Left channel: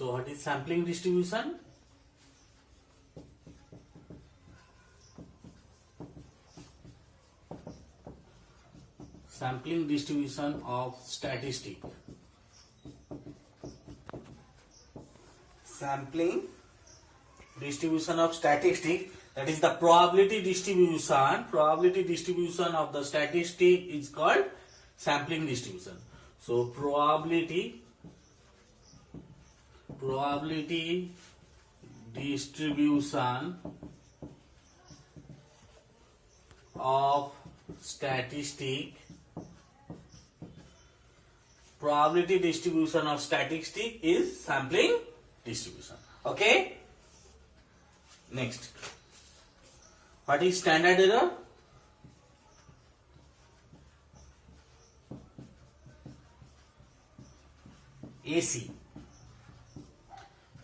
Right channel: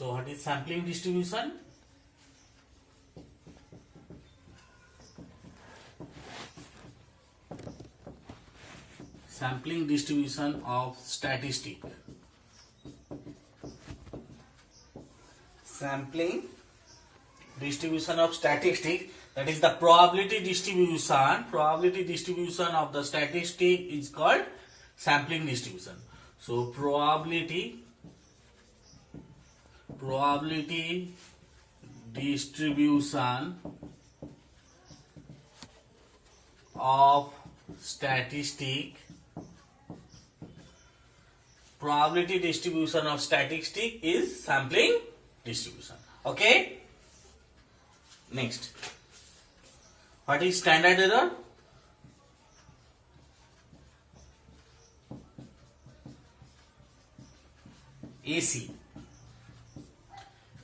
So what is sampling distribution? Sampling distribution of statistic. Sampling distribution of statistic, that is the probability distribution. Probability distribution of the statistic is called sampling distribution. So probability distribution of statistic. Probability distribution of statistic is sampling distribution. Okay. Next, what is standard error? AC.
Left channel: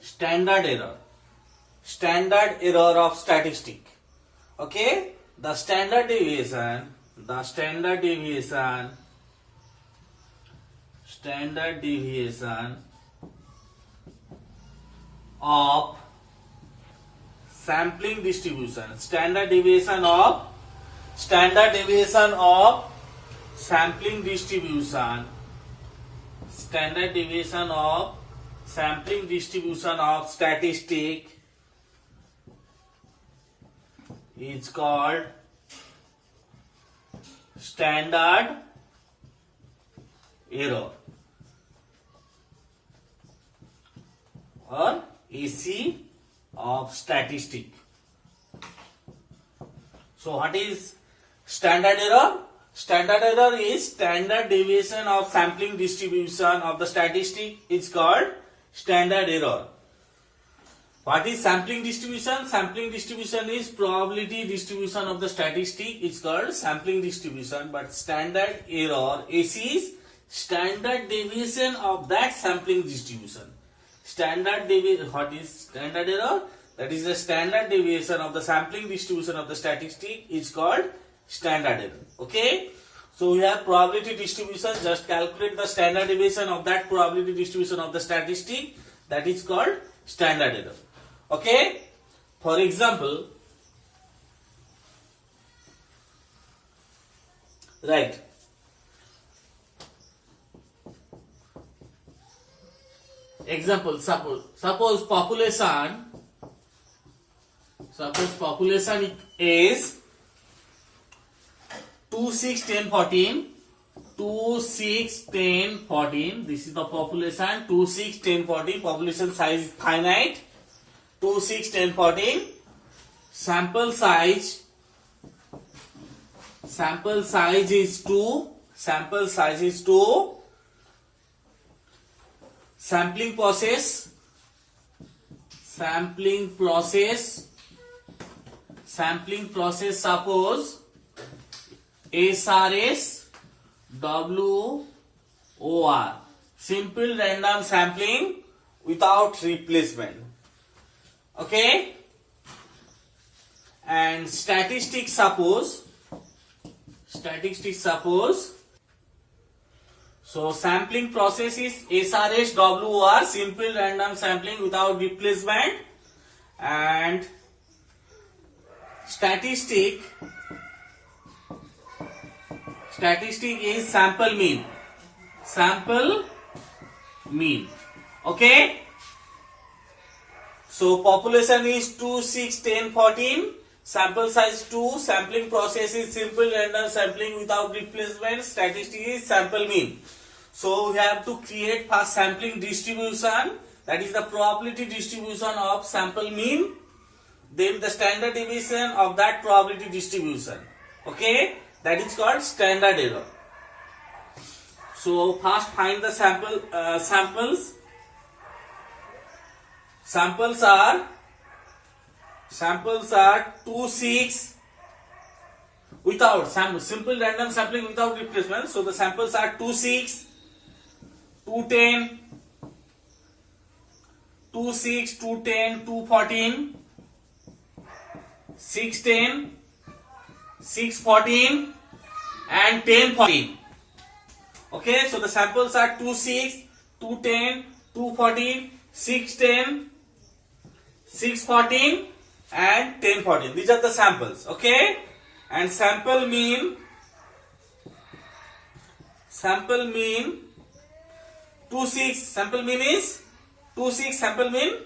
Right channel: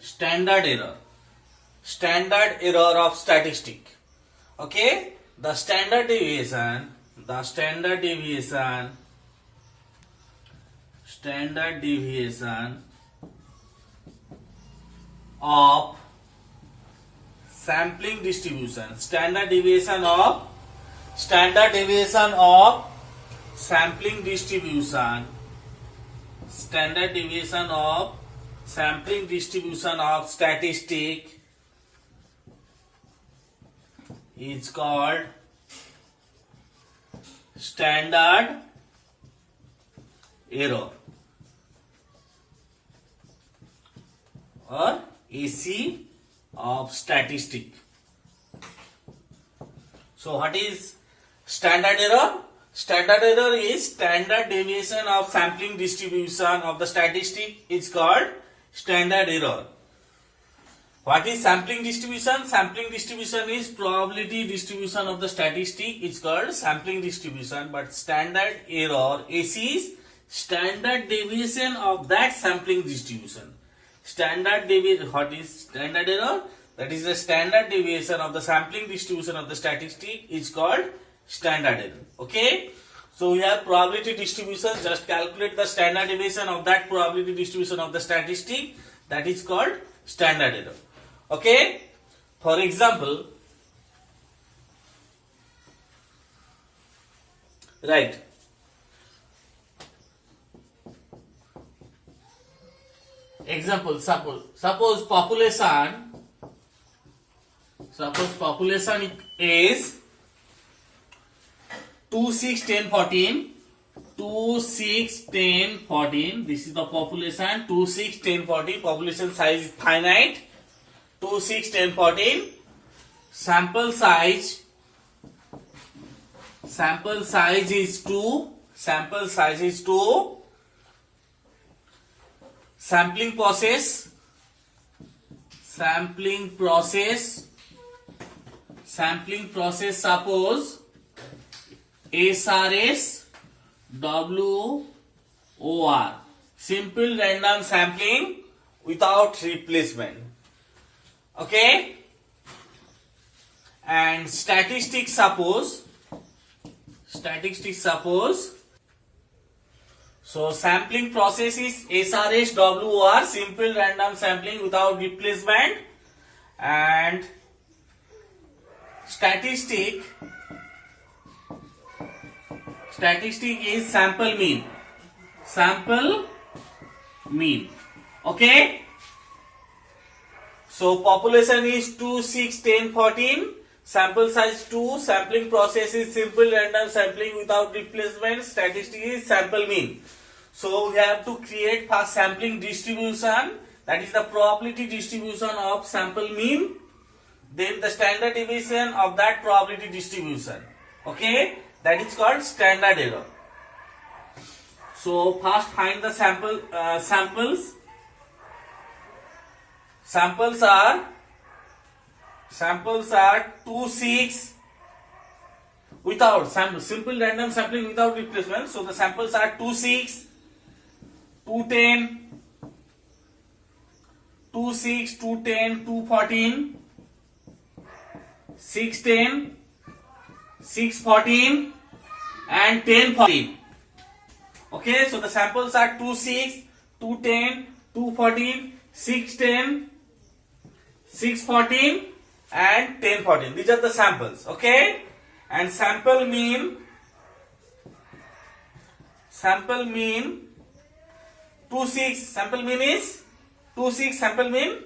Standard error of statistic. Okay, the standard deviation of sampling distribution. Standard deviation of sampling distribution. Standard deviation of sampling distribution of statistic is called standard error or AC of statistic. So what is standard error? Standard error is standard deviation of sampling distribution of the statistic is called standard error. What is sampling distribution? Sampling distribution is probability distribution of the statistic is called sampling distribution, but standard error AC is standard deviation of that sampling distribution. Standard deviation. What is standard error? That is the standard deviation of the sampling distribution of the statistic is called standard error. Okay. So we have probability distribution. Just calculate the standard deviation of that probability distribution of the statistic. That is called standard error. Okay. For example, right. Example, suppose population is 2, 6, 10, 14. 2, 6, 10, 14. This is the population. 2, 6, 10, 14. Population size is finite. 2, 6, 10, 14. Sample size is 2. Sampling process suppose SRS WOR, simple random sampling without replacement. Okay, and statistics suppose so sampling process is SRS WOR, simple random sampling without replacement, and statistic is sample mean. Okay, so population is 2, 6, 10, 14. Sample size 2. Sampling process is simple random sampling without replacement. Statistic is sample mean. So we have to create first sampling distribution, that is the probability distribution of sample mean, then the standard deviation of that probability distribution. Okay, that is called standard error. So first find the samples. Samples are 2, 6 without simple random sampling without replacement. So the samples are 2, 6, 2, 10, 2, 6, 2, 10, 2, 14, 6, 10, 6, 14 and 10, 14. Okay, so the samples are 2, 6, 2, 10, 2, 14, 6, 10, 6, 14 and 10, 14. These are the samples. Okay. And sample mean 2, 6. Sample mean is 2, 6. Sample mean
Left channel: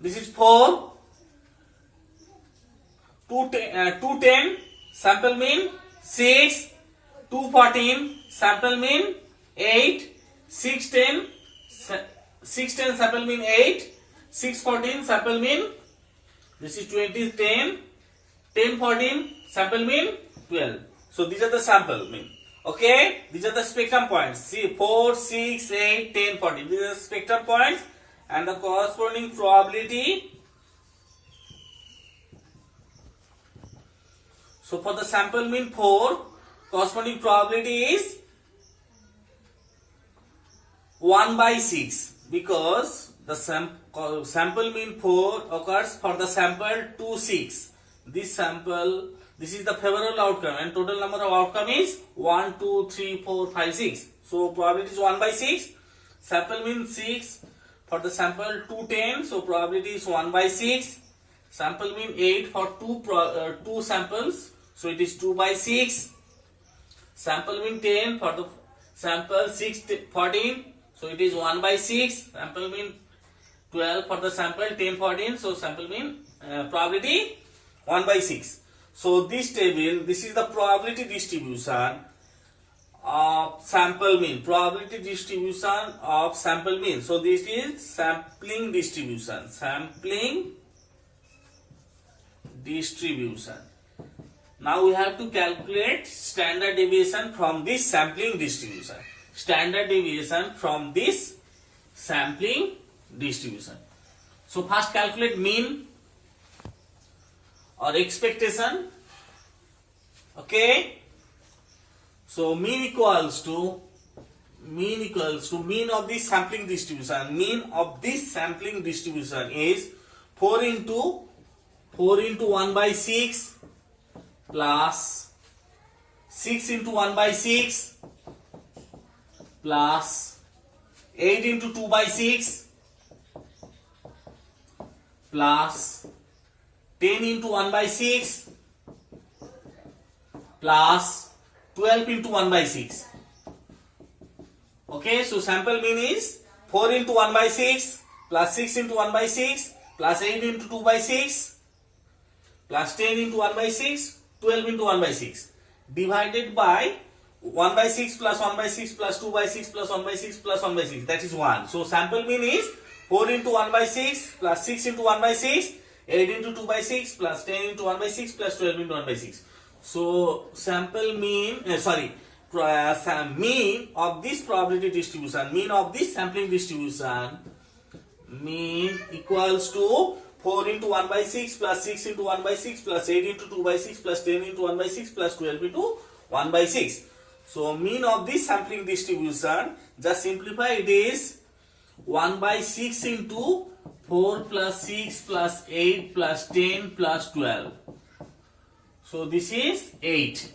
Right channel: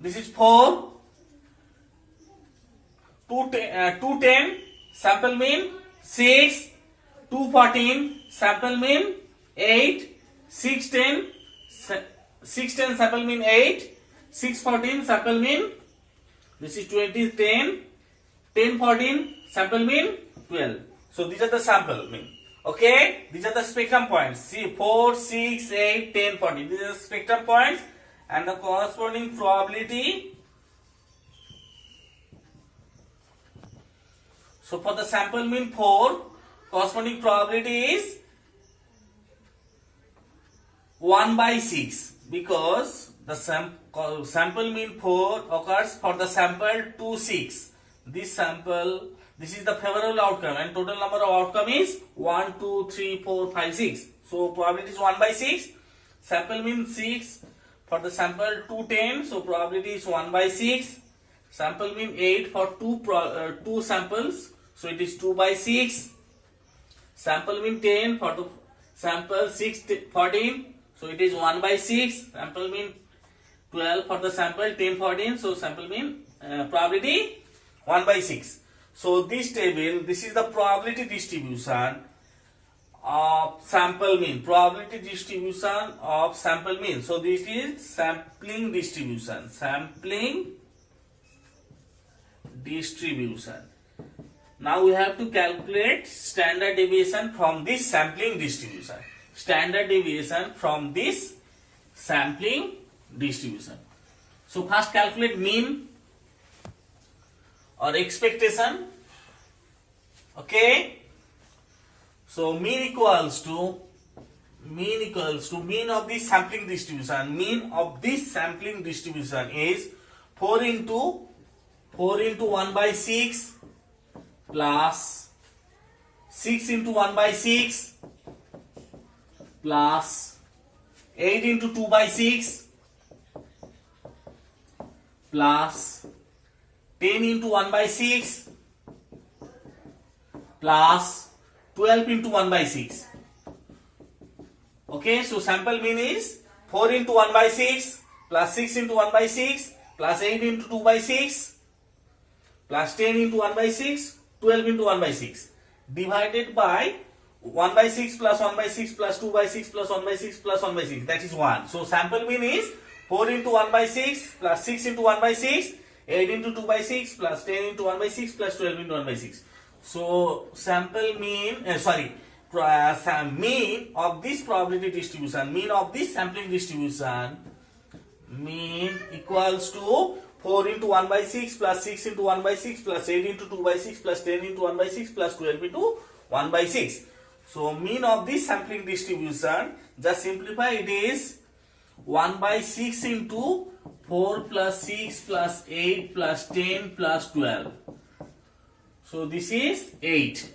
this is 4. 2, 10. Sample mean 6. 2, 14. Sample mean 8. 6, 10. 6, 10. Sample mean 8. 6, 14. Sample mean this is 20, 10. 10, 14. Sample mean 12. So these are the sample mean. Okay, these are the spectrum points. See, 4, 6, 8, 10, 14. These are the spectrum points and the corresponding probability. So for the sample mean 4, corresponding probability is 1 by 6 because the sample mean 4 occurs for the sample 2, 6. This is the favorable outcome and total number of outcome is 1, 2, 3, 4, 5, 6. So probability is 1 by 6. Sample mean 6 for the sample 2, 10. So probability is 1 by 6. Sample mean 8 for 2 samples. So it is 2 by 6. Sample mean 10 for the sample 6, 14. So it is 1 by 6. Sample mean 12 for the sample 10, 14. So sample mean probability 1 by 6. So this table, this is the probability distribution of sample mean. Probability distribution of sample mean. So this is sampling distribution. Sampling distribution. Now we have to calculate standard deviation from this sampling distribution. Standard deviation from this sampling distribution. So first calculate mean or expectation. Okay. So mean equals to mean of this sampling distribution. Mean of this sampling distribution is 4 into 1 by 6 plus 6 into 1 by 6 plus 8 into 2 by 6 plus 10 into 1 by 6 plus 12 into 1 by 6. Okay, so sample mean is 4 into 1 by 6 plus 6 into 1 by 6 plus 8 into 2 by 6 plus 10 into 1 by 6, 12 into 1 by 6 divided by 1 by 6 plus 1 by 6 plus 2 by 6 plus 1 by 6 plus 1 by 6, that is 1. So sample mean is 4 into 1 by 6 plus 6 into 1 by 6, 8 into 2 by 6 plus 10 into 1 by 6 plus 12 into 1 by 6. So sample mean, mean of this probability distribution, mean of this sampling distribution, mean equals to 4 into 1 by 6 plus 6 into 1 by 6 plus 8 into 2 by 6 plus 10 into 1 by 6 plus 12 into 1 by 6. So mean of this sampling distribution, just simplify, it is 1 by 6 into 4 plus 6 plus 8 plus 10 plus 12. So this is 8.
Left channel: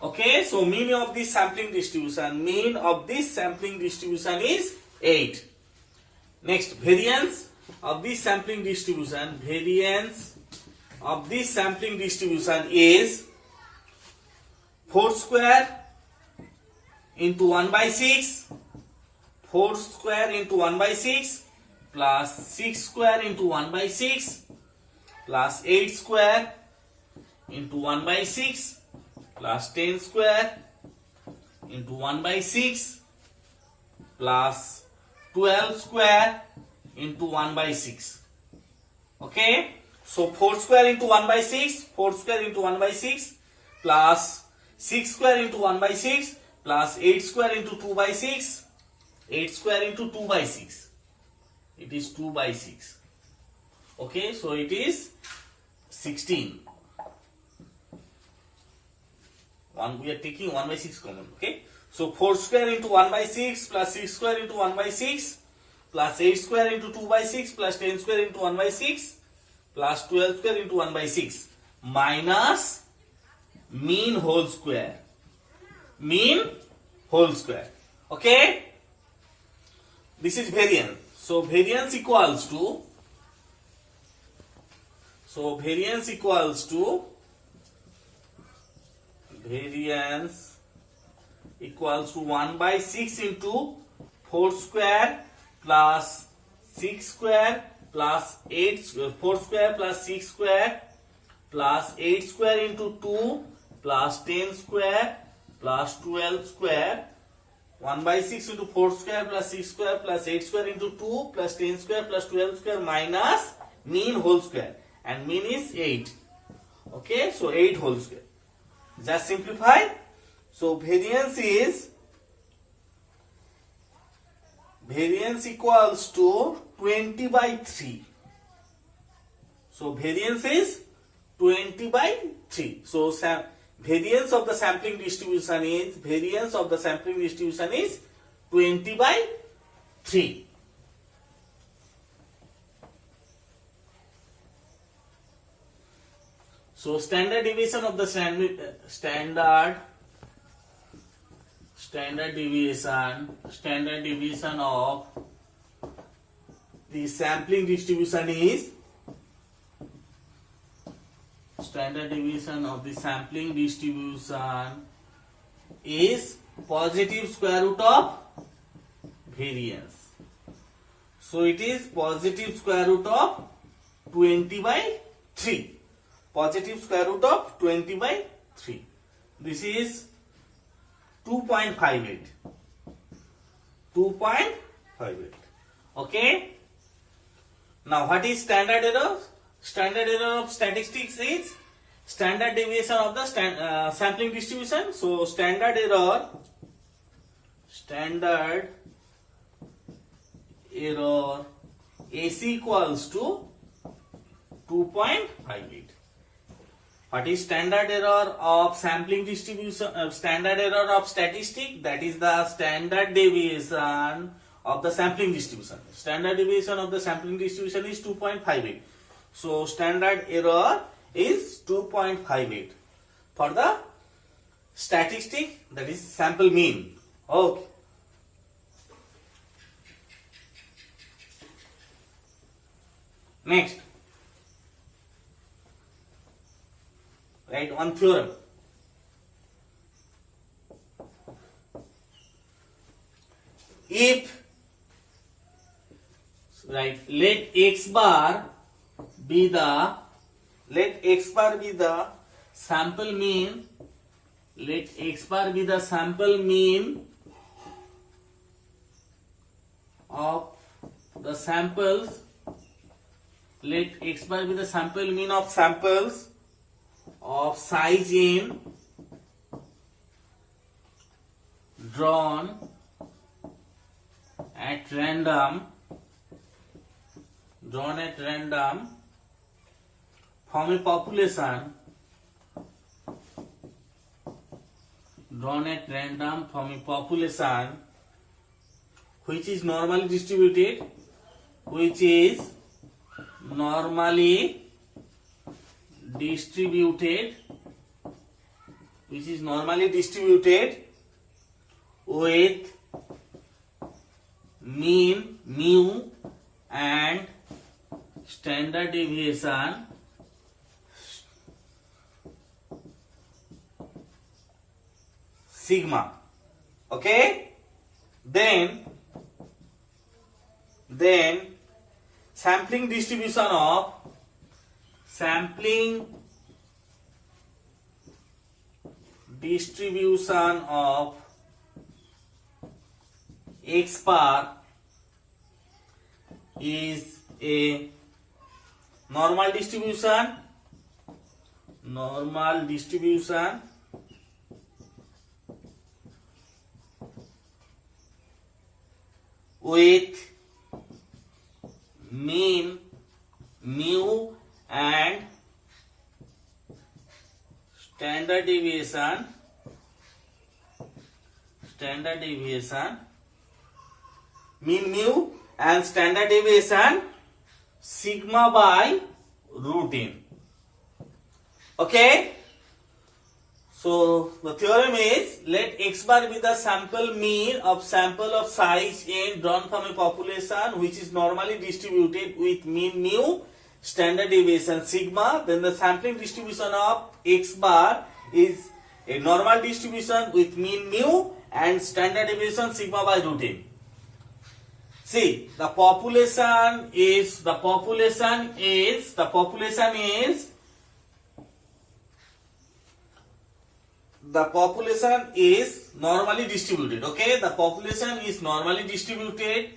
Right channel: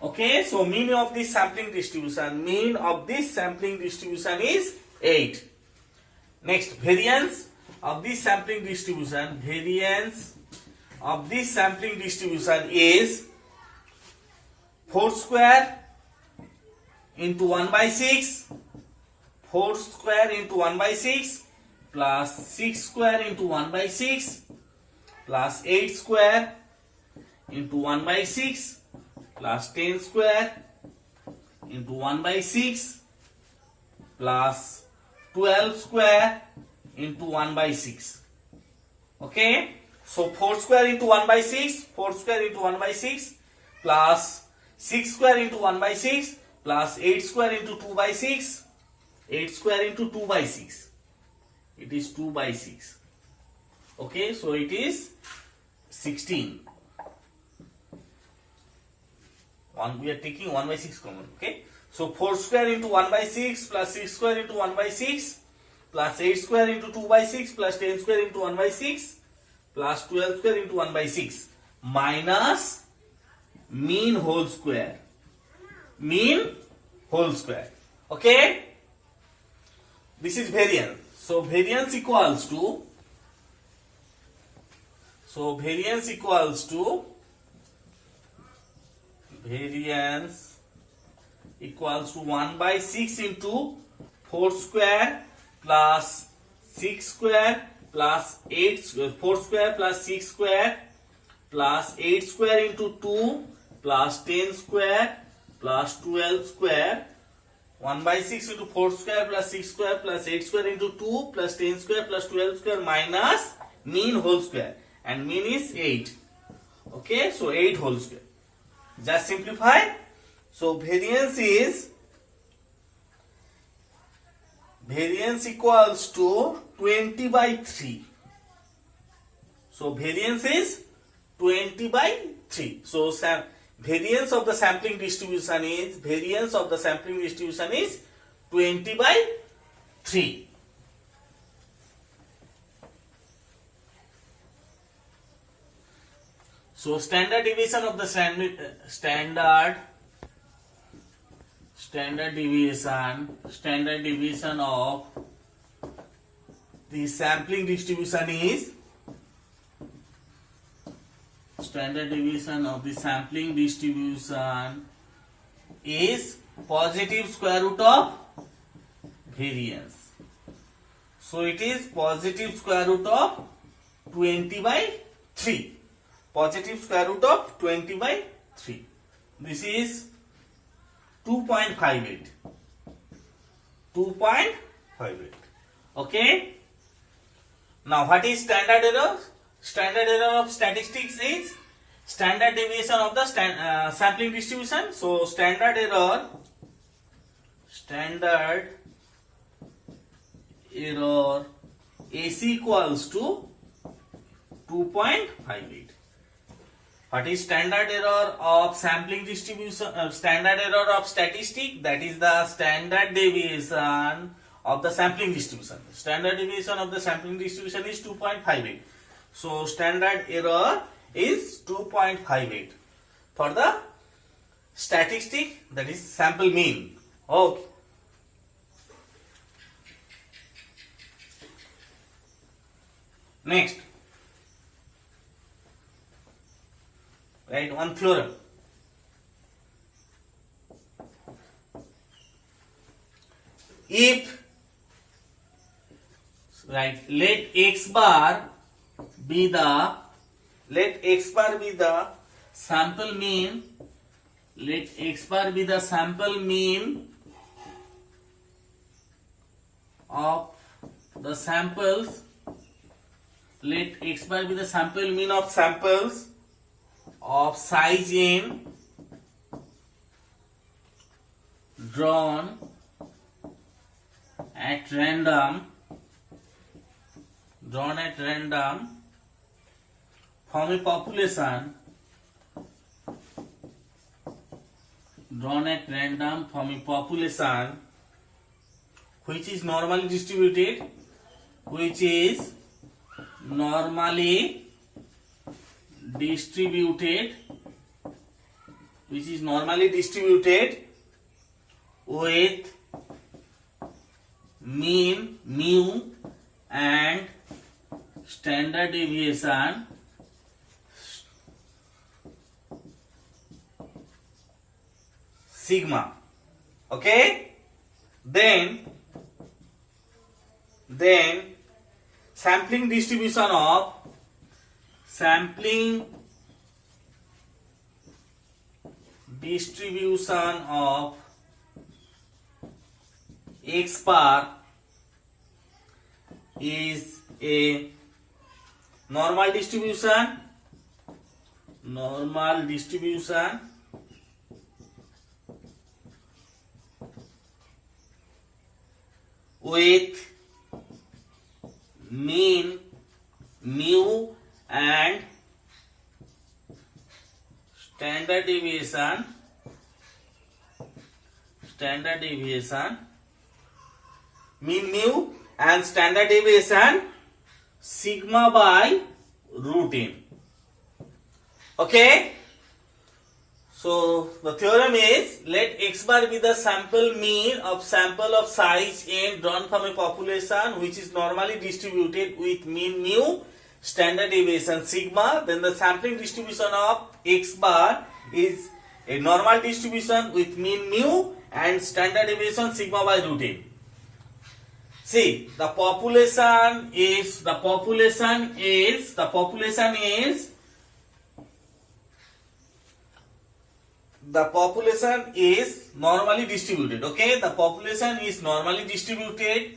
Okay, so mean of this sampling distribution, mean of this sampling distribution is 8. Next, variance of this sampling distribution, variance of this sampling distribution is 4 square into 1 by 6, 4 square into 1 by 6 plus 6 square into 1 by 6 plus 8 square into 1 by 6 plus 10 square into 1 by 6 plus 12 square into 1 by 6. Okay, so 4 square into 1 by 6, 4 square into 1 by 6 plus 6 square into 1 by 6 plus 8 square into 2 by 6, 8 square into 2 by 6, it is 2 by 6. Okay, so it is 16. We are taking 1 by 6 common. Okay, so 4 square into 1 by 6 plus 6 square into 1 by 6 plus 8 square into 2 by 6 plus 10 square into 1 by 6 plus 12 square into 1 by 6 minus mean whole square. Mean whole square. Okay, this is variance. So variance equals to, variance equals to 1 by 6 into 4 square plus 6 square plus 8 4 square plus 6 square plus 8 square into 2 plus 10 square plus 12 square. 1 by 6 into 4 square plus 6 square plus 8 square into 2 plus 10 square plus 12 square minus mean whole square, and mean is 8. Okay, so 8 whole square. Just simplify. So variance equals to 20 by 3. So variance is 20 by 3. So variance of the sampling distribution is 20 by 3. So standard deviation of the standard deviation of the sampling distribution is positive square root of variance. So it is positive square root of 20 by 3. Positive square root of 20 by 3. This is 2.58. 2.58. Okay. Now what is standard error? Standard error of statistics is standard deviation of the sampling distribution. So standard error AC equals to 2.58. What is standard error of sampling distribution? Standard error of statistic, that is the standard deviation of the sampling distribution. Standard deviation of the sampling distribution is 2.58. So standard error is 2.58 for the statistic, that is sample mean. Okay. Next, write one theorem. If, right, let x bar be the sample mean, of the samples, of size n drawn at random from a population which is normally distributed, with mean mu and standard deviation sigma. Okay, then sampling distribution of x bar is a normal distribution with mean mu and standard deviation mean mu and standard deviation sigma by root n. Okay, So the theorem is, let x bar be the sample mean of sample of size n drawn from a population which is normally distributed with mean mu, standard deviation sigma. Then the sampling distribution of x bar is a normal distribution with mean mu and standard deviation sigma by root n. See, the population is normally distributed. Okay, the population is normally distributed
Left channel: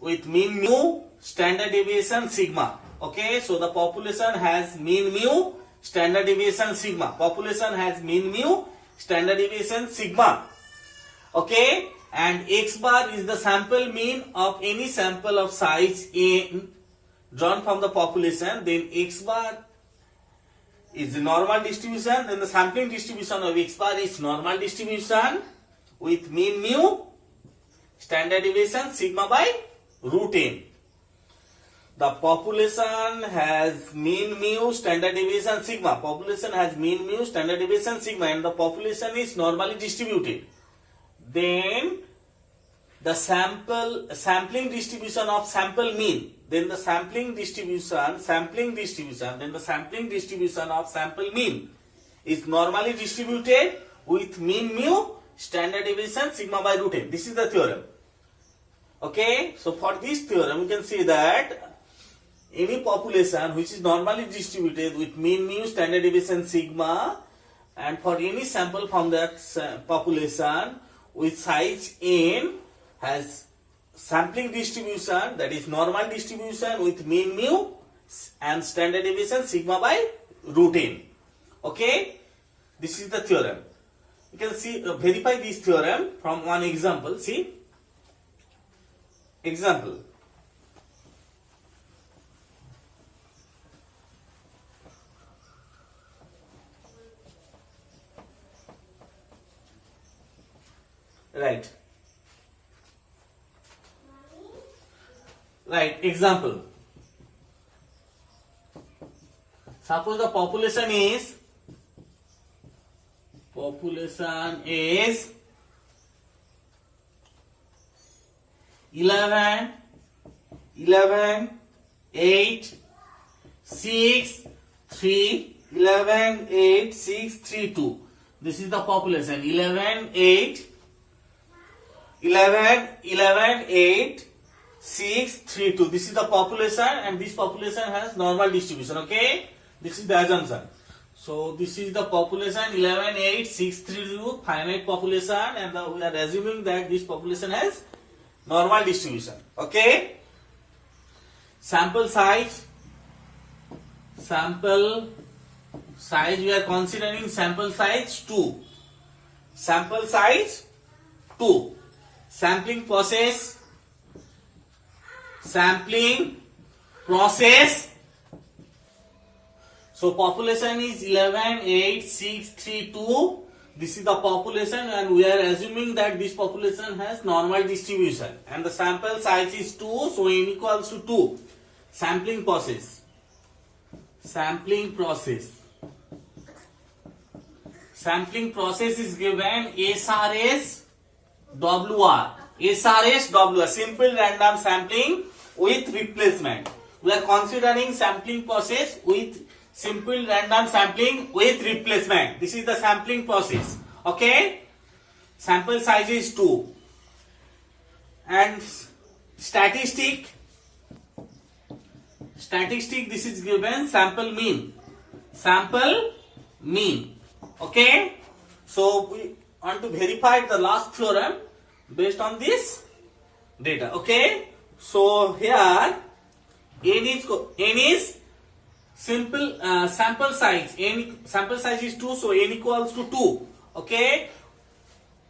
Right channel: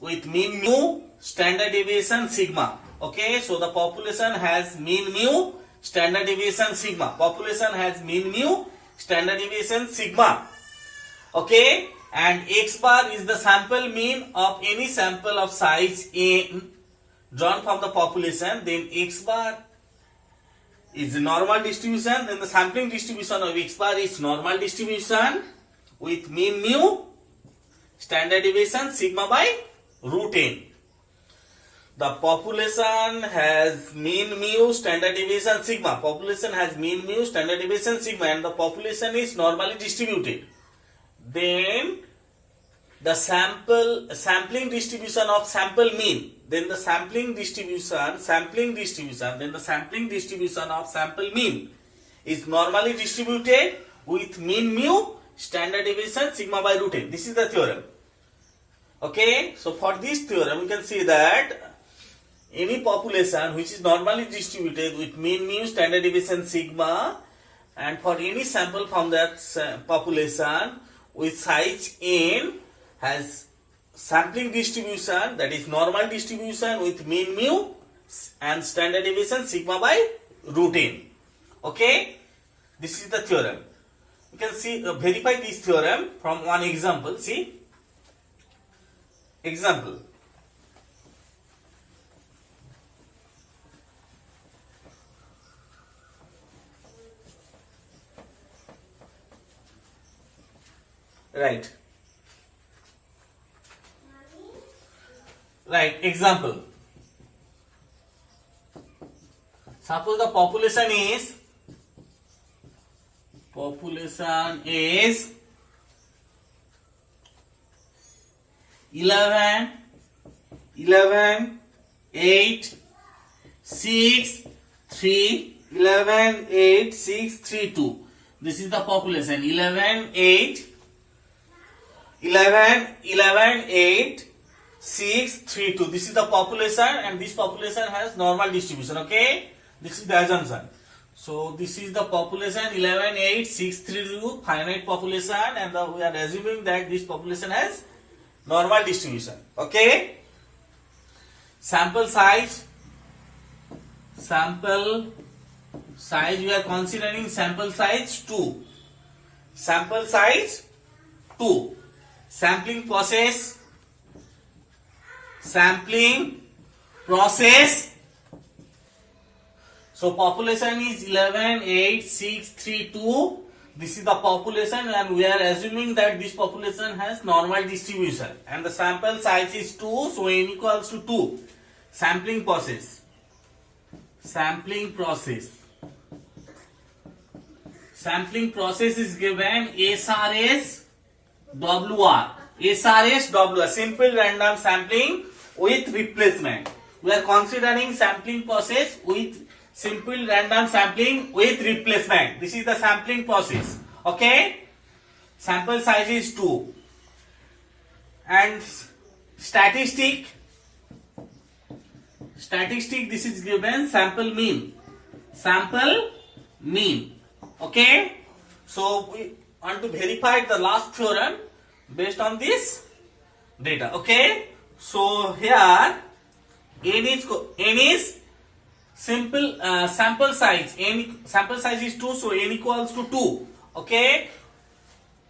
with mean mu, standard deviation sigma. Okay, so the population has mean mu, standard deviation sigma. Population has mean mu, standard deviation sigma. Okay, and x bar is the sample mean of any sample of size n drawn from the population. Then x bar is a normal distribution. Then the sampling distribution of x bar is normal distribution with mean mu, standard deviation sigma by root n. The population has mean mu, standard deviation sigma. Population has mean mu, standard deviation sigma, and the population is normally distributed. Then the sampling distribution of sample mean. Then the sampling distribution of sample mean is normally distributed with mean mu, standard deviation sigma by root n. This is the theorem. Okay, so for this theorem we can see that any population which is normally distributed with mean mu, standard deviation sigma, and for any sample from that population with size n has sampling distribution, that is normal distribution with mean mu and standard deviation sigma by root n. Okay, this is the theorem. You can see verify this theorem from one example. See, example. Right, example. Suppose the population is 11, 8, 6, 3, 11, 8, 6, 3, 2. This is the population. 11, 8, 6, 3, 2. This is the population, and this population has normal distribution. Okay, this is the assumption. So this is the population 11, 8, 6, 3, 2, finite population, and we are assuming that this population has normal distribution. Okay, sample size we are considering sample size 2. Sampling process. So population is 11, 8, 6, 3, 2. This is the population, and we are assuming that this population has normal distribution, and the sample size is 2, so n equals to 2. Sampling process is given SRS WR, simple random sampling with replacement. We are considering sampling process with simple random sampling with replacement. This is the sampling process. Okay, sample size is 2, and statistic, this is given sample mean. Okay, so we want to verify the last theorem based on this data. Okay, so here n is simple sample size. Sample size is 2, so n equals to 2. Okay,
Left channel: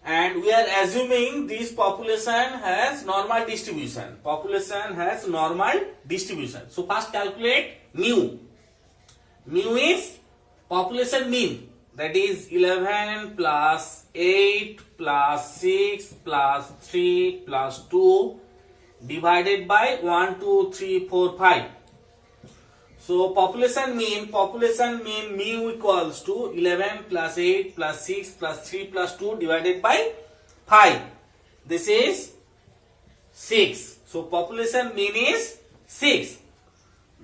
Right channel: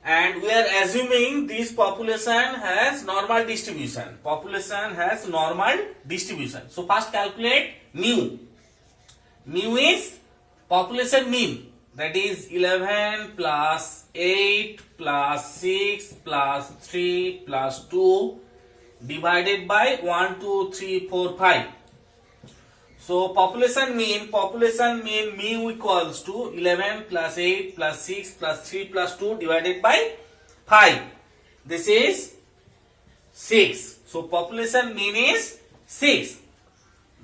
and we are assuming this population has normal distribution. So first calculate mu. Mu is population mean, that is 11 plus 8 plus 6 plus 3 plus 2 divided by 1, 2, 3, 4, 5. So population mean mu equals to 11 plus 8 plus 6 plus 3 plus 2 divided by 5. This is 6. So population mean is 6.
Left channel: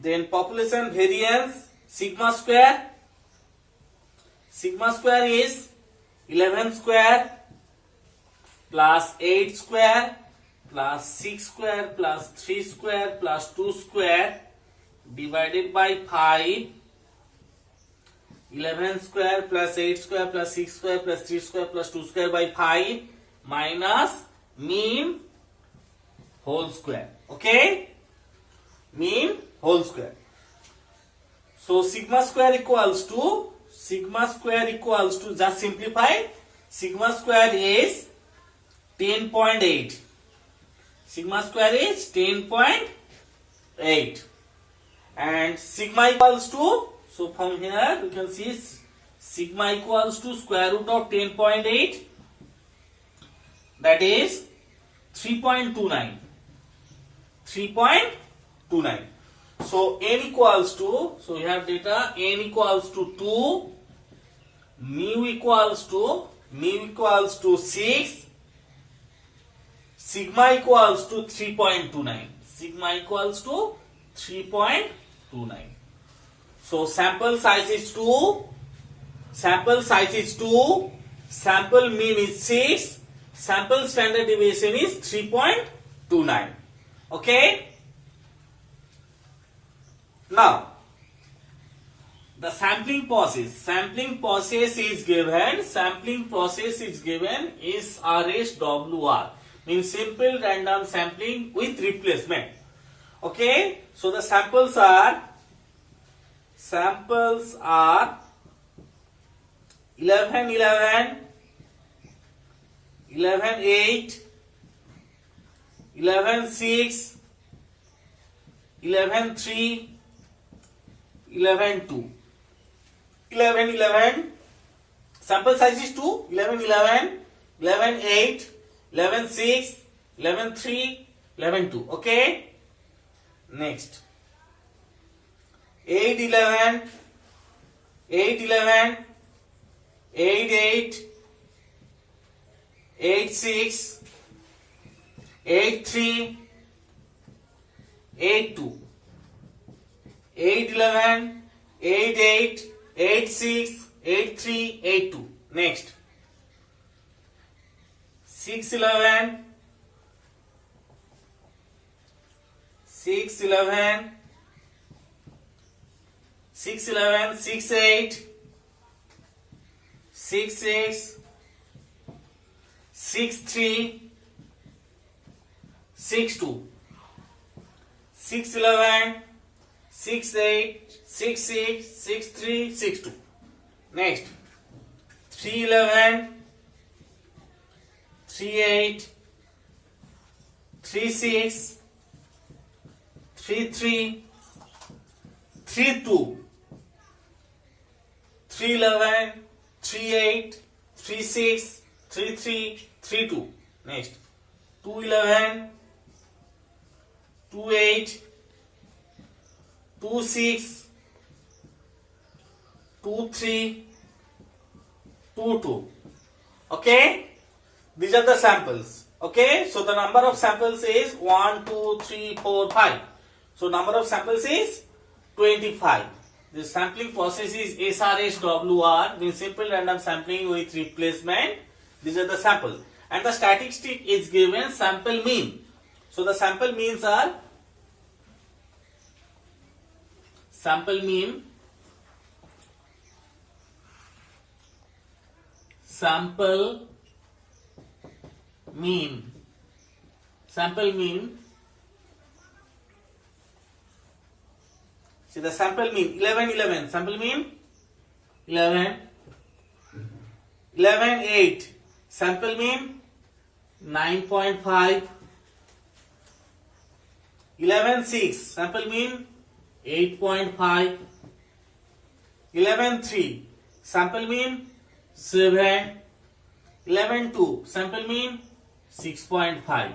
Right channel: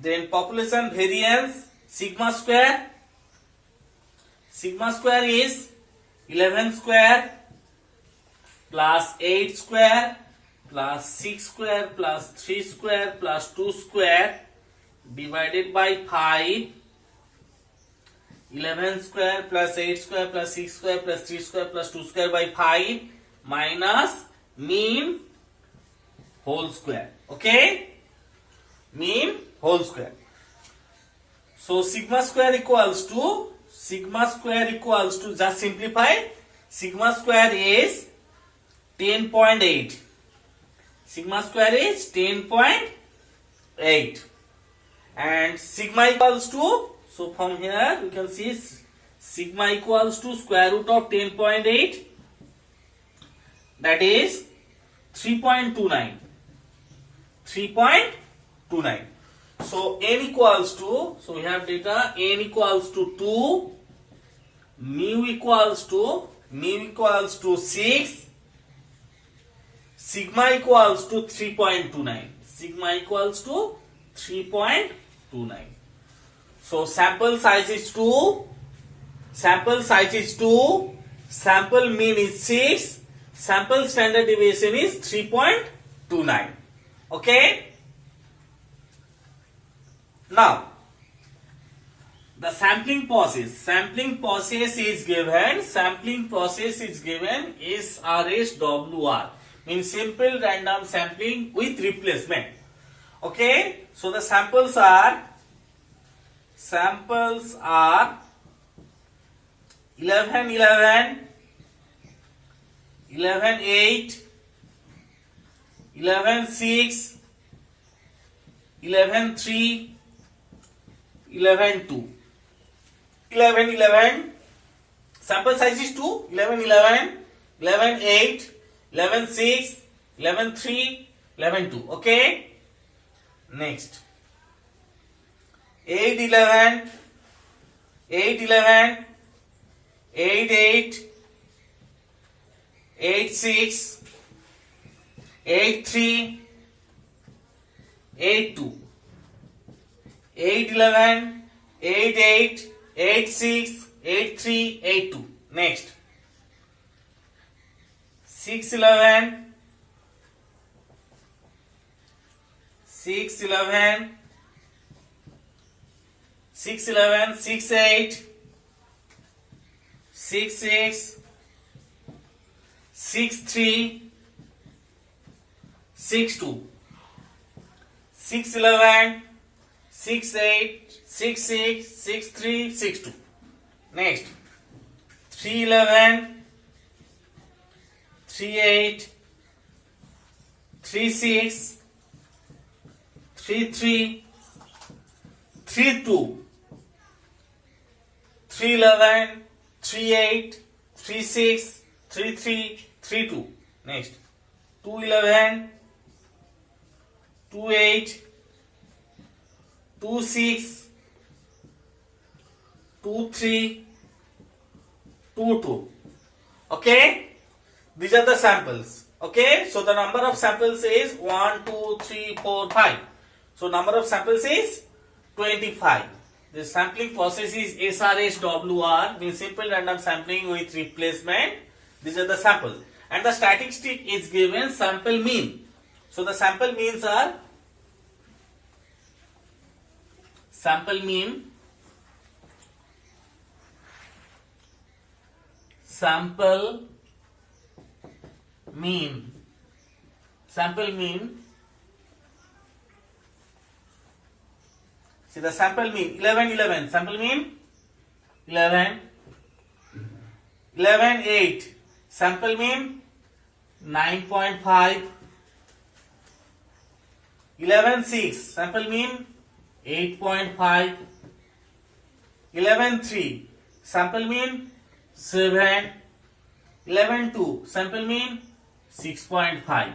Then population variance sigma square. Sigma square is 11 square plus 8 square plus 6 square plus 3 square plus 2 square divided by 5. 11 square plus 8 square plus 6 square plus 3 square plus 2 square by 5 minus mean whole square. Okay, mean whole square. So sigma square equals to just simplify, sigma square is 10.8. Sigma square is 10.8 and sigma equals to, so from here we can see sigma equals to square root of 10.8, that is 3.29. So n equals to, so we have data n equals to 2, mu equals to 6, sigma equals to 3.29. Sigma equals to 3.29. So sample size is 2, sample mean is 6, sample standard deviation is 3.29. Okay. Now the sampling process is given SRSWR, means simple random sampling with replacement. Okay, so the samples are 11 11, 11 8, 11 6, 11 3, 11 2. 11 11, sample size is 2, 11 11, 11 8, 11 6, 11 3, 11 2. Okay, next 8 11, 8 11, 8 8, 8 6, 8 3, 8 2. 8 11, 8 8, 8 6, 8 3, 8 2. Next 6 11, 6 11, 6 11, 6 8, 6 6, 6 3, 6 2. 6 11, 6 8, 6 6, 6 3, 6 2. Next 3 11, 3 8, 3 6, 3 3, 3 2. 3 11, 3 8, 3 6, 3 3, 3 2. Next 2 11, 2 8, 2 6, 2 3, 2 2. Okay, these are the samples. Okay, so the number of samples is 1 2 3 4 5. So number of samples is 25. The sampling process is SRSWR, means simple random sampling with replacement. These are the samples, and the statistic is given sample mean. So the sample means are sample mean, sample mean. See the sample mean 11 11, sample mean 11, 11 8, sample mean 9.5, 11 6, sample mean 8.5, 11 3, sample mean 7, 11 2, sample mean 6.5.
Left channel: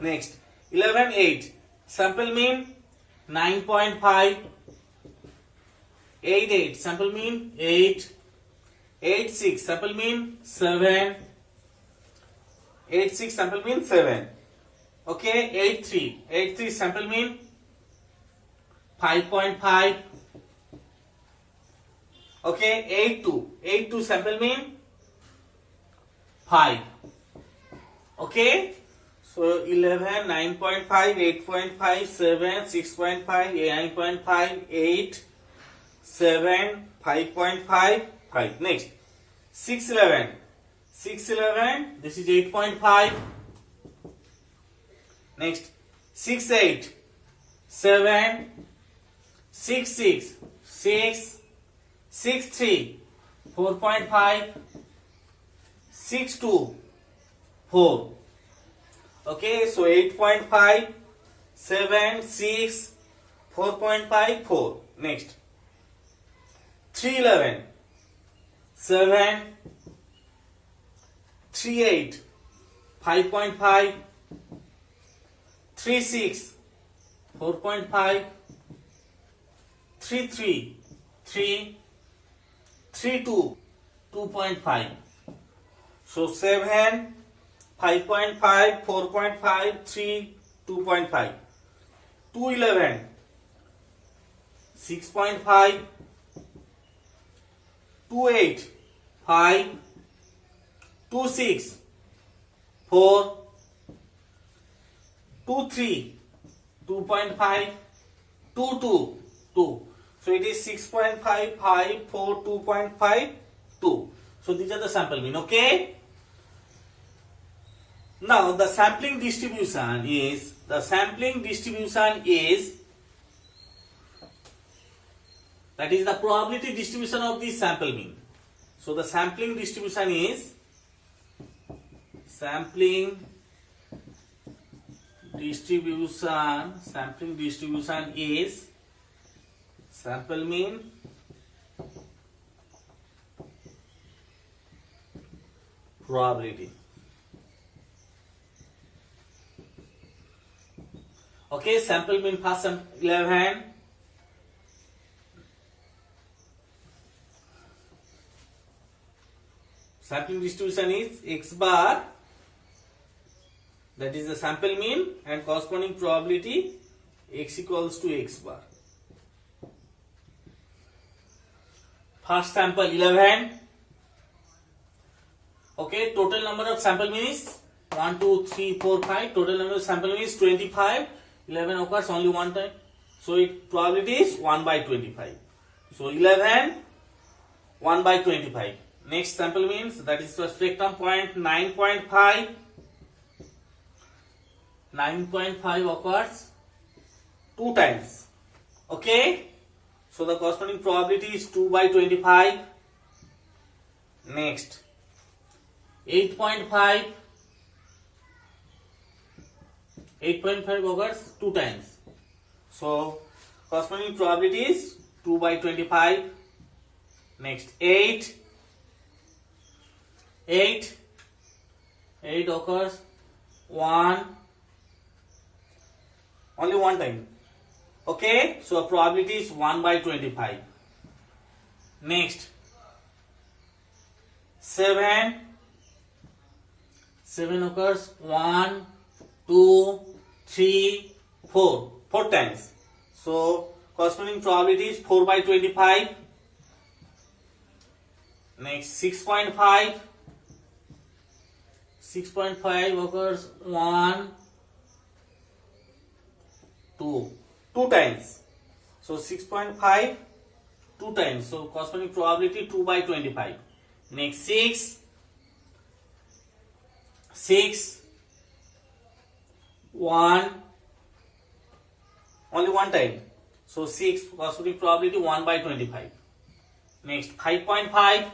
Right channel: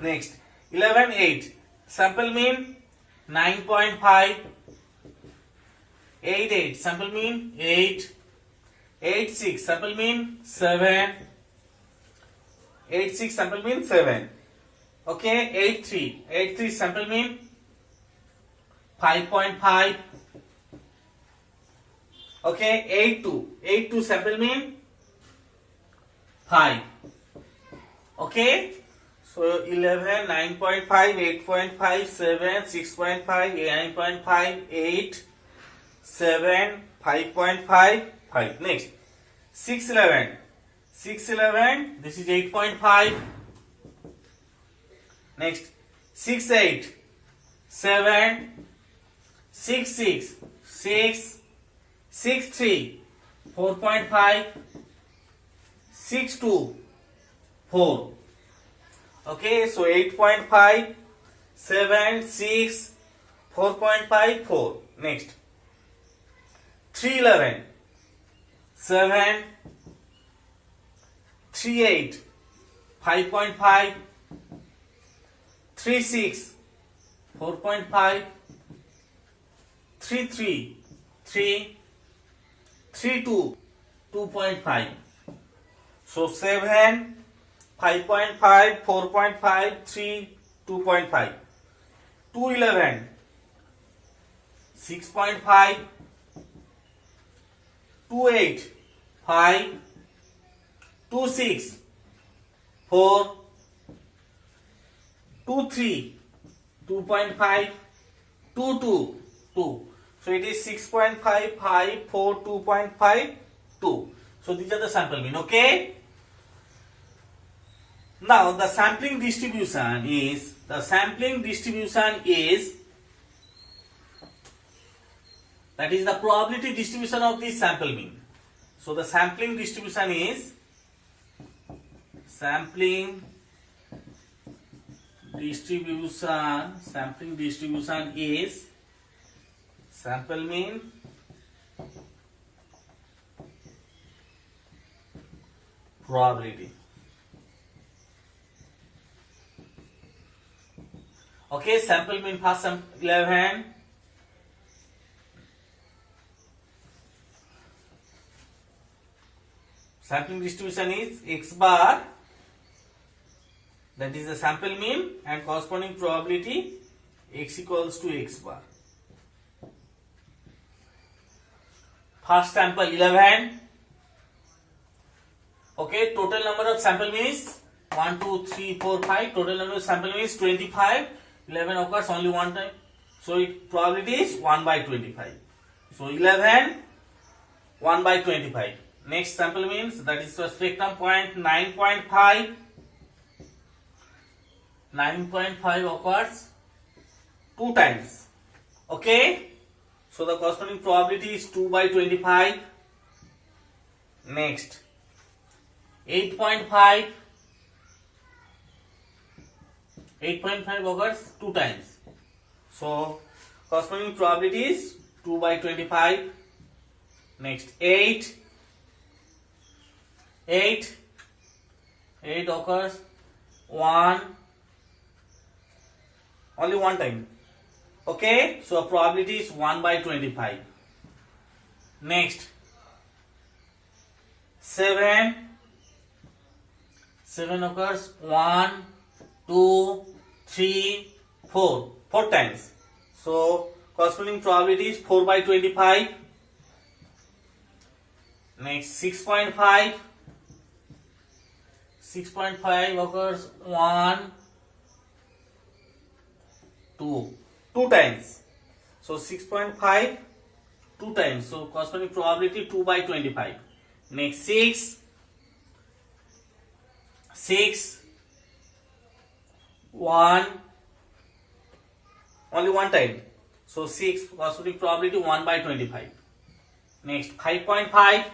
Next 11 8, sample mean 9.5, 8 8 sample mean 8. 8 6 sample mean 7. 8 6 sample mean 7. Okay, 8 3. 8 3 sample mean 5.5. Okay, 8 2. 8 2 sample mean 5. Okay, so 11, 9.5, 8.5, 7, 6.5, 9.5, 8, 7, 5.5, 5. Next, 6 11. 6 11, this is 8.5. Next, 6 8, 7, 6 6, 6, 6 3, 4.5, 6 2, 4. Okay, so 8.5, 7, 6, 4.5, 4. Next, 3 11, 7, 3 8, 5.5, 3 6, 4.5, 3 3, 3, 3 2, 2.5. So 7, 5.5, 4.5, 3, 2.5. 2 11, 6.5, 2 8, 5, 2 6, 4, 2 3, 2.5, 2 2, 2. So it is 6.5, 5, 4, 2.5, 2. So these are the sample mean. Okay. Now the sampling distribution is that is the probability distribution of the sample mean. So the sampling distribution is sampling distribution is sample mean probability. Okay, sample mean first 11. Sampling distribution is x bar, that is the sample mean, and corresponding probability x equals to x bar. First sample 11. Okay, total number of sample mean is 1, 2, 3, 4, 5. Total number of sample mean is 25. 11 occurs only one time. So it probability is 1 by 25. So 11, 1 by 25. Next sample means, that is the spectrum point 9.5. 9.5 occurs 2 times. Okay. So the corresponding probability is 2 by 25. Next, 8.5. 8.5 occurs 2 times. So corresponding probability is 2 by 25. Next, 8. 8 occurs only one time. Okay, so probability is 1 by 25. Next, 7 occurs 1, 2, 3, 4 times. So corresponding probability is 4 by 25. Next, 6.5 occurs 1, 2 times. So 6.5 2 times. So corresponding probability 2 by 25. Next, 6 1 only one time. So 6 corresponding probability 1 by 25. Next, 5.5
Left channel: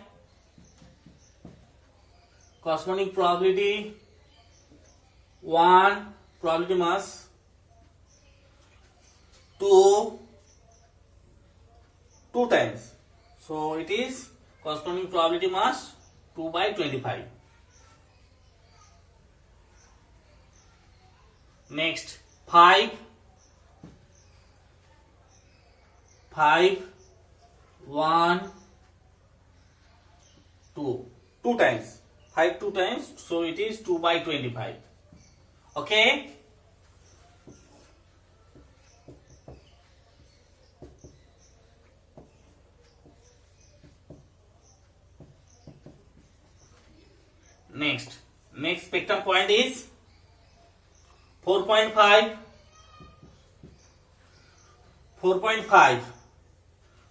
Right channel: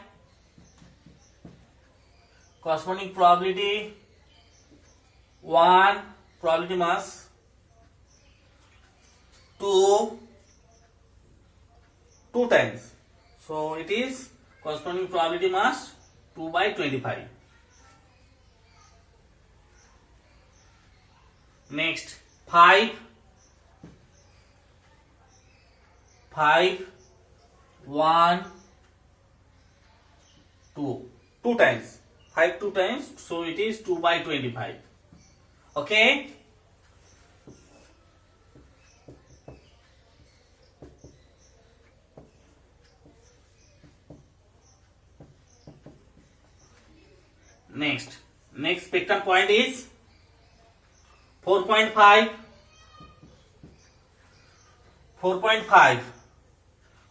corresponding probability 1, probability mass 2 times. So it is corresponding probability mass 2 by 25. Next, 5 1 2 times 5 2 times, so it is 2 by 25. Okay, next spectrum point is 4.5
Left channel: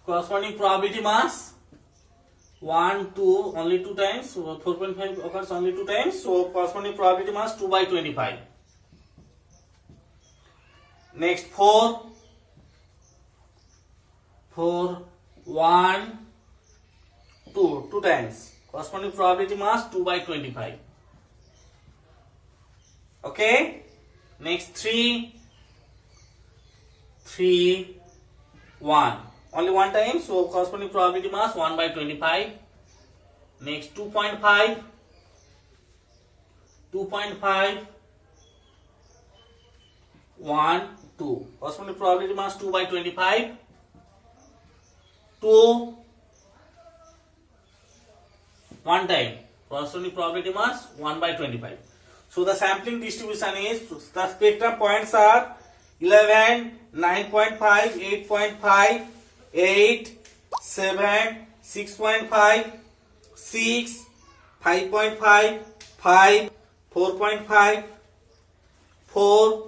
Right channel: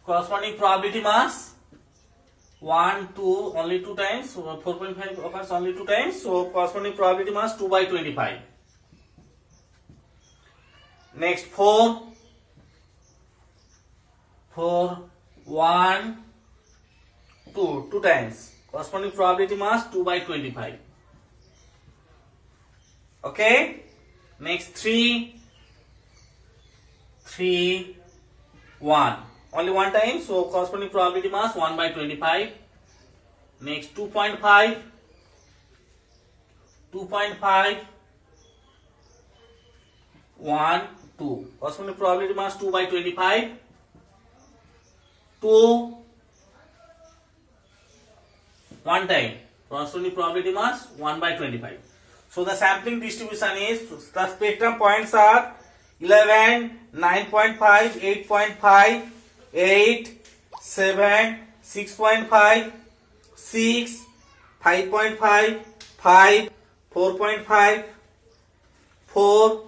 corresponding probability mass 1 2 only 2 times, so 4.5 occurs only 2 times, so corresponding probability mass 2 by 25. Next 4 1 2 times, corresponding probability mass 2 by 25. Okay, next 3 1 only 1 time, so corresponding probability mass 1 by 25. Next 2.5 1 2, corresponding probability mass 2 by 25. 2 1 time, corresponding probability mass 1 by 25. So the sampling distribution is, the spectrum points are 11, 9.5, 8.5, 8, 7, 6.5, 6, 5.5, 5, 4.5, 4,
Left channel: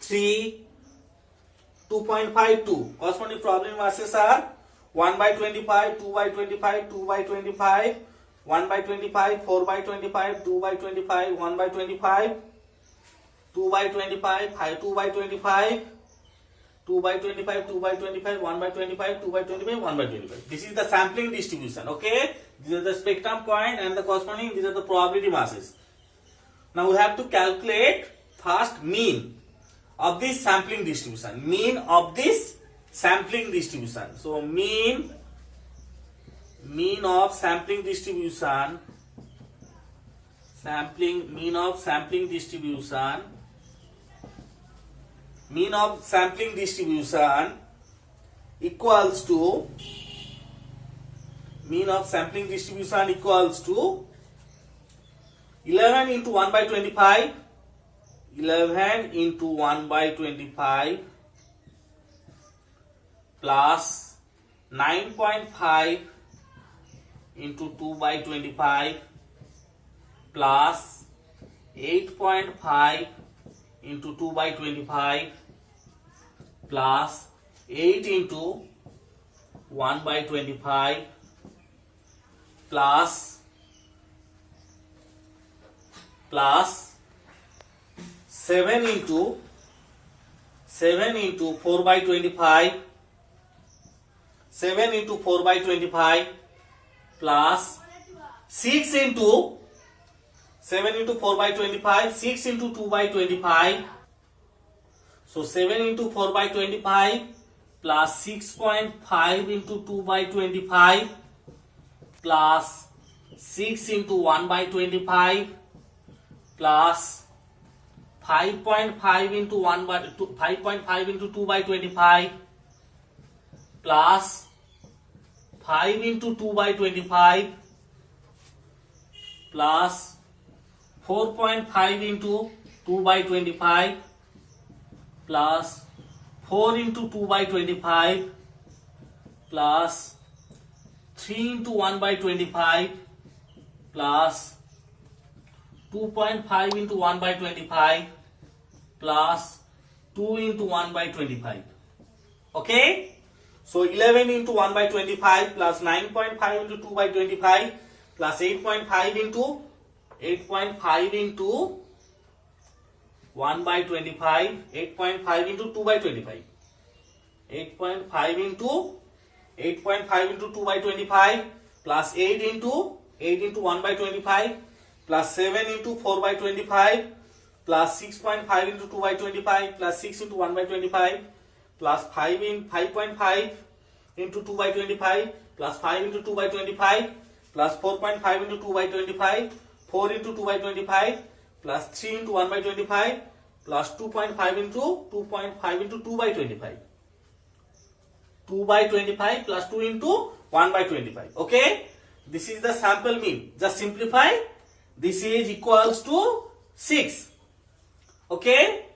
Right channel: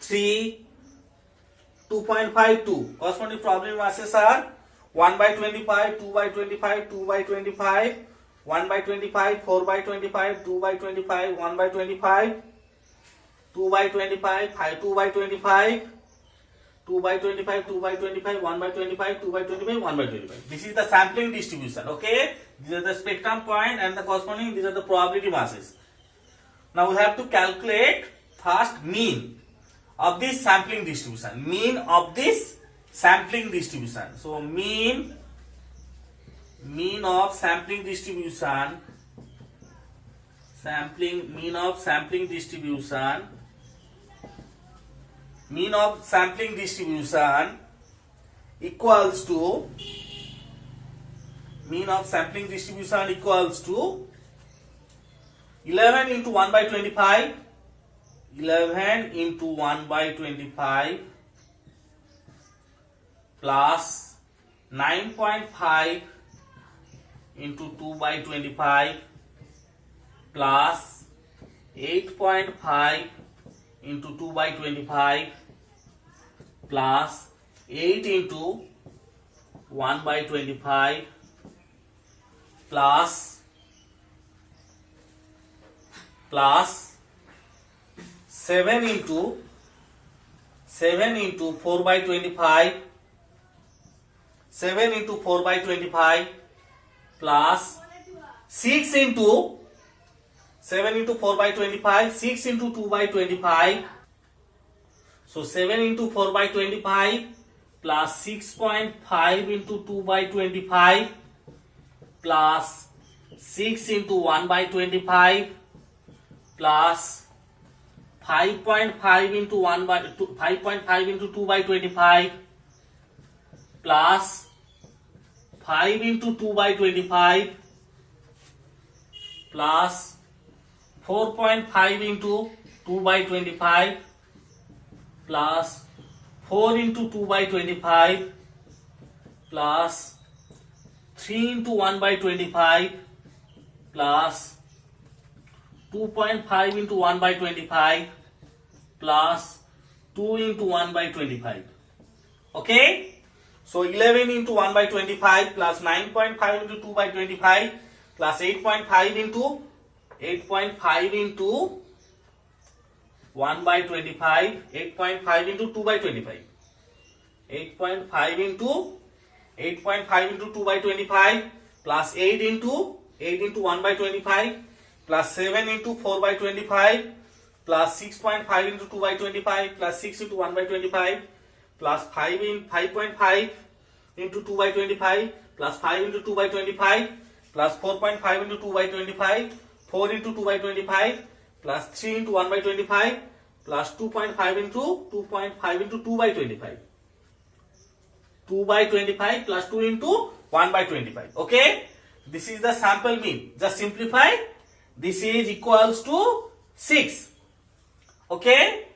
3, 2.5, 2. Corresponding probability masses are 1 by 25, 2 by 25, 2 by 25, 1 by 25, 4 by 25, 2 by 25, 1 by 25, 2 by 25, 2 by 25, 2 by 25, 2 by 25, 1 by 25, 2 by 25, 1 by 25. This is the sampling distribution. Okay, these are the spectrum point and the corresponding, these are the probability masses. Now we have to calculate first mean of this sampling distribution. Mean of this sampling distribution. So mean of sampling distribution, mean of sampling distribution equals to, mean of sampling distribution equals to 11 into 1 by 25, 11 into 1 by 25 plus 9.5 into 2 by 25 plus 8.5 into 2 by 25 plus 8 into 1 by 25 plus 7 into 4 by 25, 7 into 4 by 25 plus 6 into 7 into 4 by 25, 6 into 2 by 25. So 7 into 4 by 25 plus 6.5 into 2 by 25 plus 6 into 1 by 25 plus 5.5 into 1 by 5.5 into 2 by 25 plus 5 into 2 by 25 plus 4.5 into 2 by 25 plus 4 into 2 by 25 plus 3 into 1 by 25 plus 2.5 into 1 by 25 plus 2 into 1 by 25. Okay? So 11 into 1 by 25 plus 9.5 into 2 by 25 plus 8.5 into 1 by 25, 8.5 into 2 by 25, 8.5 into 2 by 25 plus 8 into 1 by 25 plus 7 into 4 by 25 plus 6.5 into 2 by 25 plus 6 into 1 by 25 plus 5.5 into 2 by 25 plus 5 into 2 by 25 plus 4.5 into 2 by 25, 4 into 2 by 25 plus 3 into 1 by 25 plus 2.5 into 2 by 25, 2 by 25 plus 2 into 1 by 25. Okay, this is the sample mean. Just simplify. This is equals to 6. Okay,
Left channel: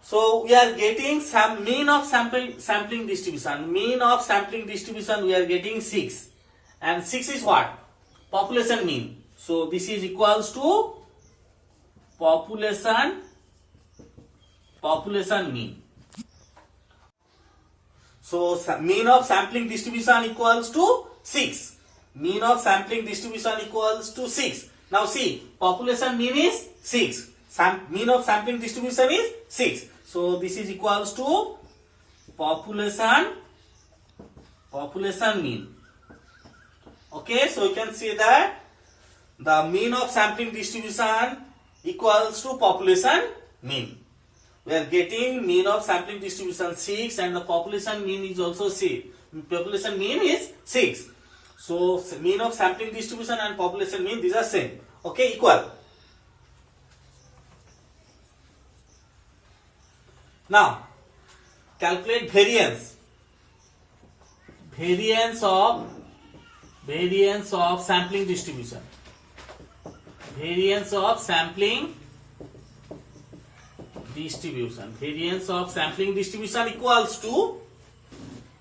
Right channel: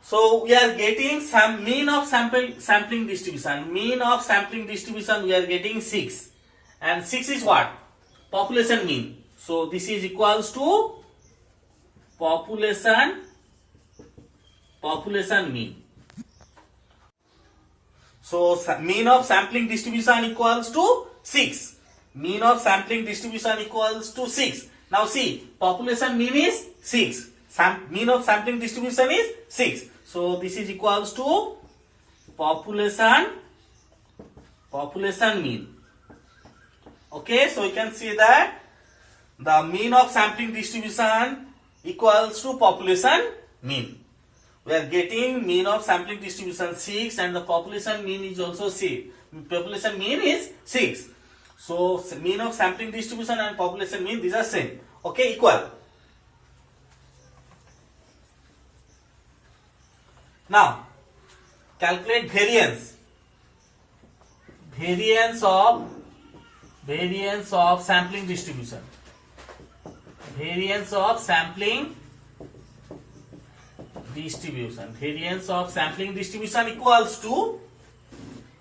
so we are getting some mean of sampling distribution. Mean of sampling distribution we are getting 6, and 6 is what? Population mean. So this is equals to population mean. So mean of sampling distribution equals to 6. Mean of sampling distribution equals to 6. Now see, population mean is 6. Mean of sampling distribution is 6. So this is equals to population mean. Okay, so you can see that the mean of sampling distribution equals to population mean. We are getting mean of sampling distribution 6, and the population mean is also 6. Population mean is 6. So mean of sampling distribution and population mean, these are same. Okay, equal. Now calculate variance. Variance of sampling distribution. Variance of sampling distribution. Variance of sampling distribution equals to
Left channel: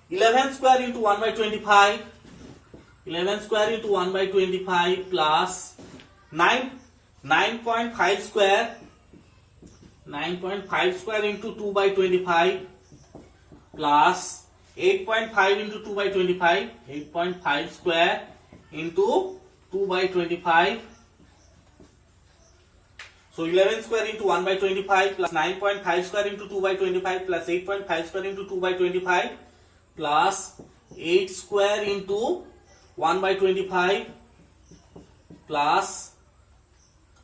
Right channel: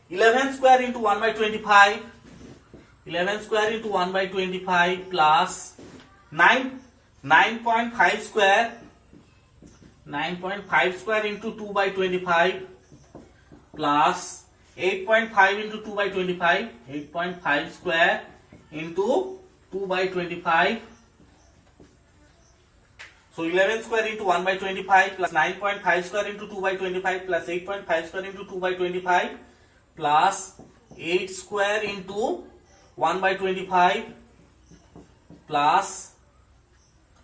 11 square into 1 by 25. 11 square into 1 by 25 plus 9.5 square. 9.5 square into 2 by 25 plus 8.5 into 2 by 25. 8.5 square into 2 by 25. So 11 square into 1 by 25 plus 9.5 square into 2 by 25 plus 8.5 square into 2 by 25 plus 8 square into 1 by 25 plus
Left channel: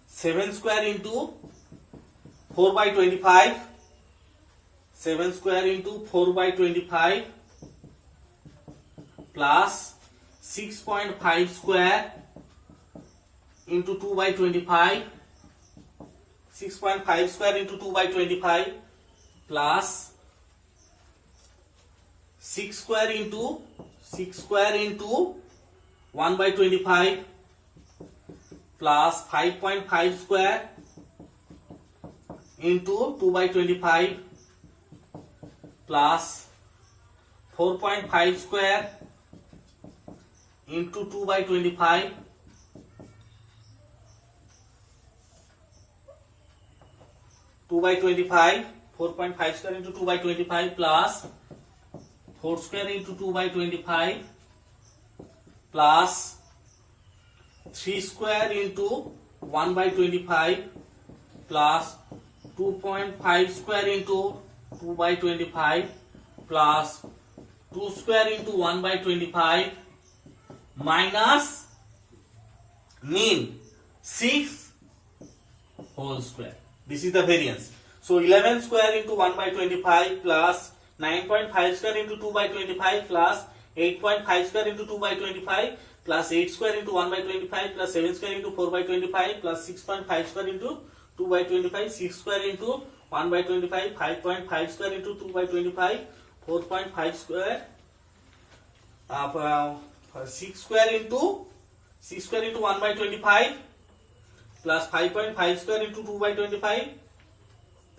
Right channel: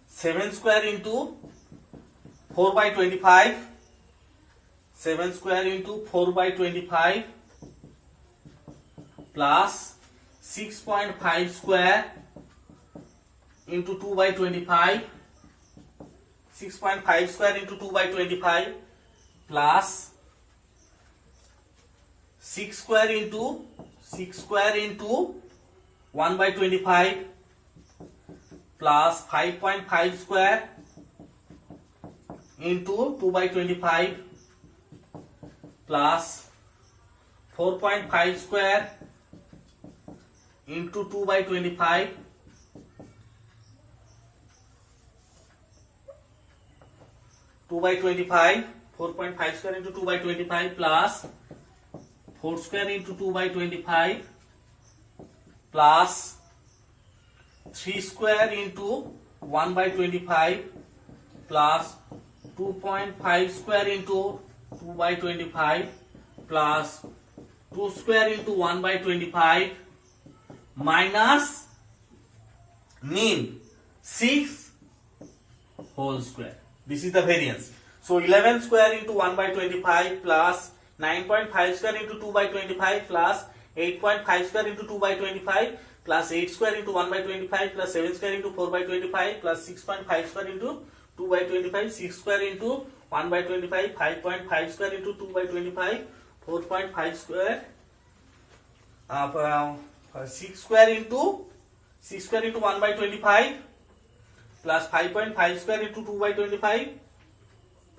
7 square into 4 by 25. 7 square into 4 by 25 plus 6.5 square into 2 by 25. 6.5 square into 2 by 25 plus 6 square into 1 by 25 plus 5.5 square into 2 by 25 plus 4.5 square into 2 by 25 2 by 25, 4.5 square into 2 by 25 plus 4 square into 2 by 25 plus 3 square into 1 by 25 plus 2.5 square into 2 by 25 plus 2 square into 1 by 25 minus mean 6 whole square. This is the variance. So 11 square into 1 by 25 plus 9.5 square into 2 by 25 plus 8.5 square into 2 by 25 plus 8 square into 1 by 25 plus 7 square into 4 by 25 plus 6.5 square into 2 by 25, 6 square into 1 by 25, 5.5 square into 2 by 25, 4.5 square, 6 square into 1 by 25 plus 5.5 square into 2 by 25,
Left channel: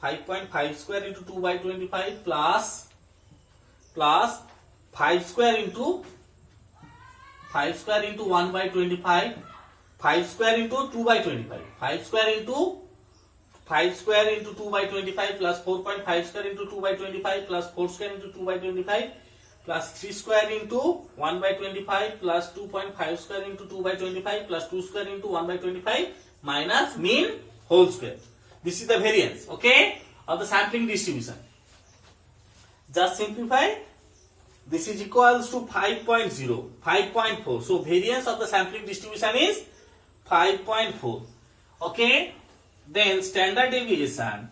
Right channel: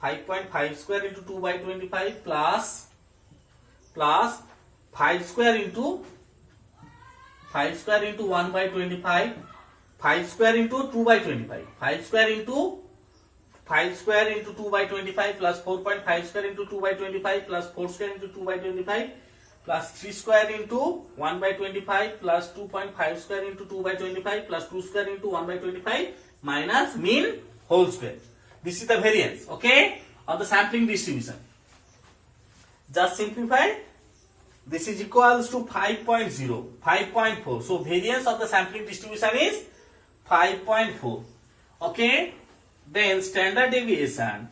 5.5 square into 2 by 25 plus 5 square into 1 by 25, 5 square into 2 by 25, 5 square into 2 by 25 plus 4.5 square into 2 by 25 plus 4 square into 2 by 25 plus 3 square into 1 by 25 plus 2.5 square into 2 by 25 plus 2 square into 1 by 25 minus mean whole square. This is the variance, okay, of the sampling distribution. Just simplify. This is equals to 5.0, 5.4. So variance of the sampling distribution is 5.4. Okay. Then standard deviation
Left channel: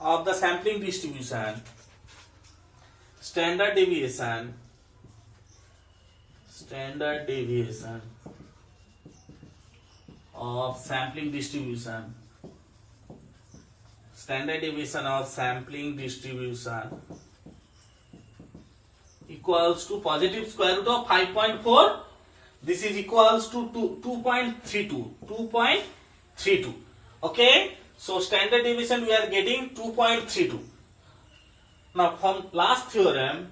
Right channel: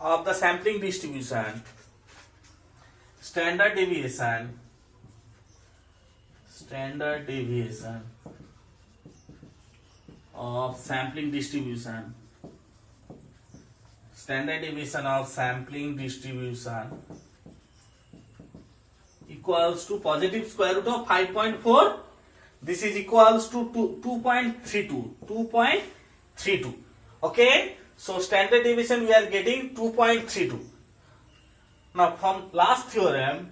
of the sampling distribution. Standard deviation of sampling distribution. Standard deviation of sampling distribution equals to positive square root of 5.4. This is equals to 2.32. 2.32. Okay. So standard deviation we are getting 2.32. Now from last theorem,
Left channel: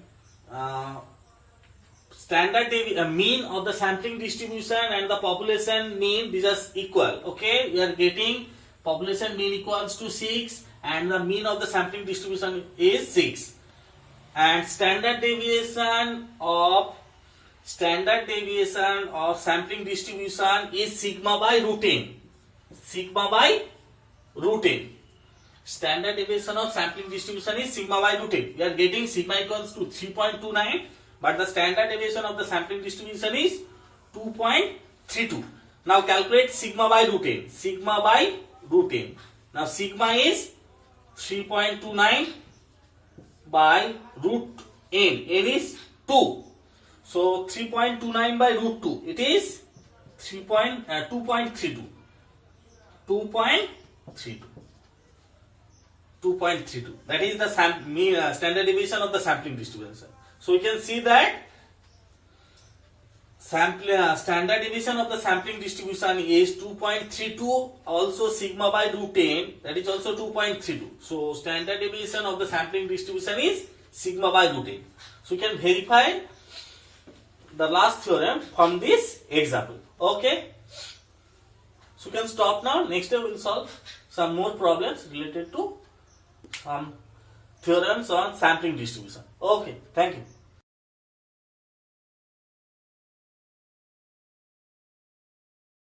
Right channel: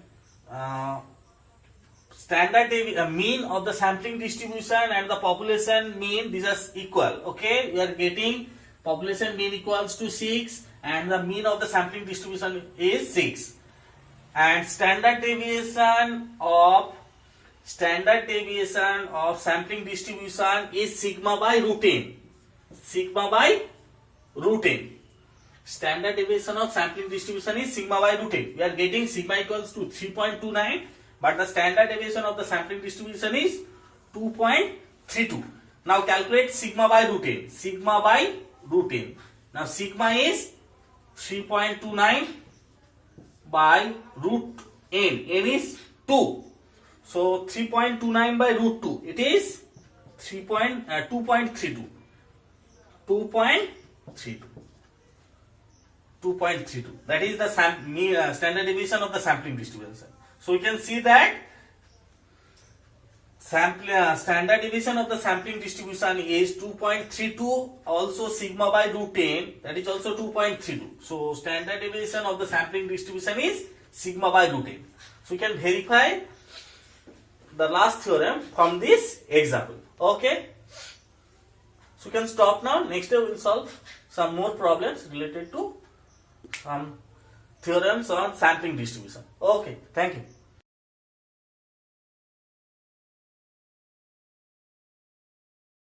standard mean of the sampling distribution and the population mean, these are equal. Okay, we are getting population mean equals to 6 and the mean of the sampling distribution is 6, and standard deviation of sampling distribution is sigma by root n. Sigma by root n. Standard deviation of sampling distribution is sigma by root n. We are getting sigma equals to 3.29, but the standard deviation of the sampling distribution is 2.32. Now calculate sigma by root n. Sigma by root n. Now sigma is 3.29 by root n. N is 2. So 3.29 by root 2. It is 2.32. 2.32. 2.32. That is the standard deviation of the sampling distribution. So you can see that standard deviation of the sampling distribution is 2.32. Also sigma by root n, that is also 2.32. So standard deviation of the sampling distribution is sigma by root n. So you can verify the last theorem from this example. Okay. So you can stop now. Next day we will solve some more problems related to theorems on sampling distribution. Okay, thank you.